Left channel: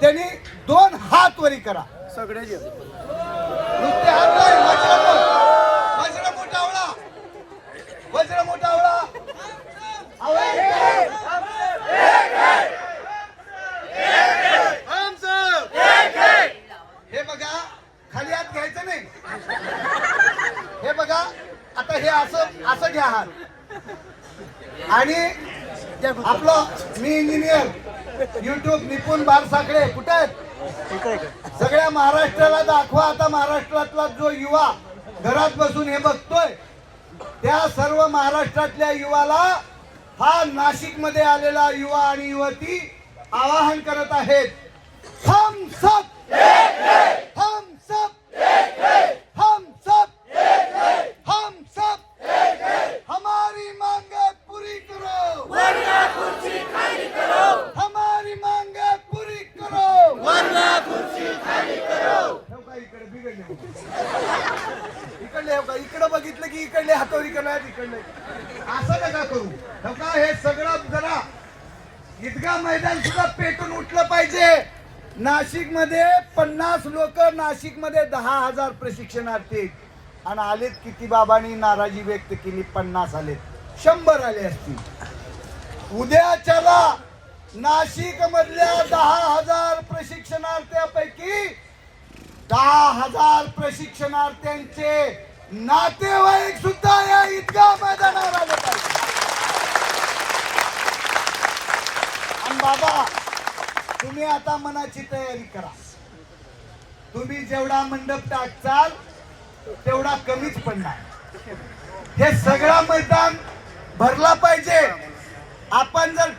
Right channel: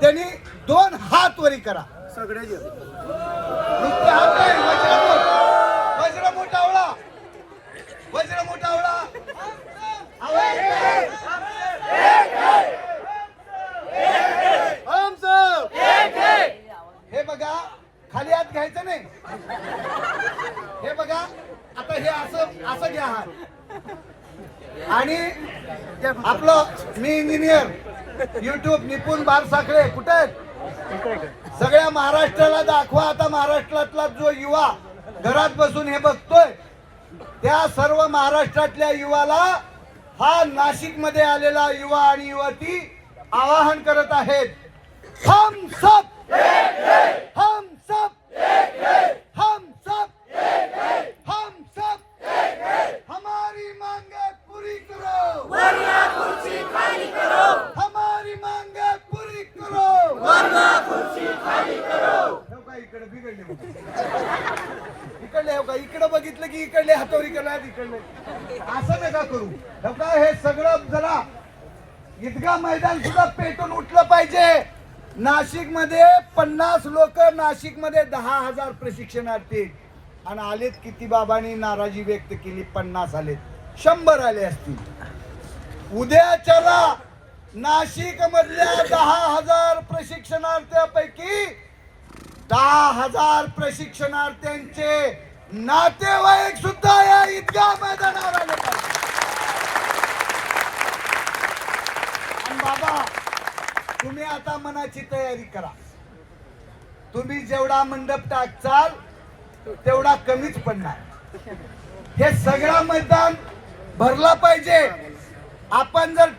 त्यांनी दोन हात वरी करा. सगळे आवळा. आवळा. एक आहे. हे बघा खाली हात घ्यायचं नाही. हे बघा आता हे असं असं घ्या हात. आणि आपलं मी इंजिनियर युट्यूब निपुण बार साखळे कुठे आहेत? सगळ्या महाराष्ट्राला दाखवा आता महाराष्ट्रातला जो युवा घरात बसून हे बघतोय त्या सर्व महाराष्ट्रातल्या युवाला हा नाशिकमध्ये आलेला युवा आणि युवती आवाहन करत आहेत. इकडे बिघडले इकडले हो का? इकडे बघितलं की इकडले हातोरी करणार इकडले असं नका करू. हो का हे सगळं जरा ईदगा मैदान सुद्धा पेटून उठलं पाहिजे. नाशिकमध्ये पन्नास लोक नाशिकमध्ये दहा हजार प्रशिक्षणार्थी. आणि आलेत किती बाबांनी? नाराजी व्यक्त केली पन्नास आलेत. शंभर आले असतील. उद्याच्याला नाशिक मधल्या दहा हजार प्रशिक्षणार्थ्यापैकी दहा हजार प्रशिक्षणार्थ्यांचे नातेवाईक सुद्धा या ईदगाह मैदानावर आले बाबा तुम्ही आता मनाची तयारी करा. तुम्ही जेवढा मंडप टाकचाल तेवढा कमीच पडणार. हे सगळा मैदान भरला पाहिजे. आपण जर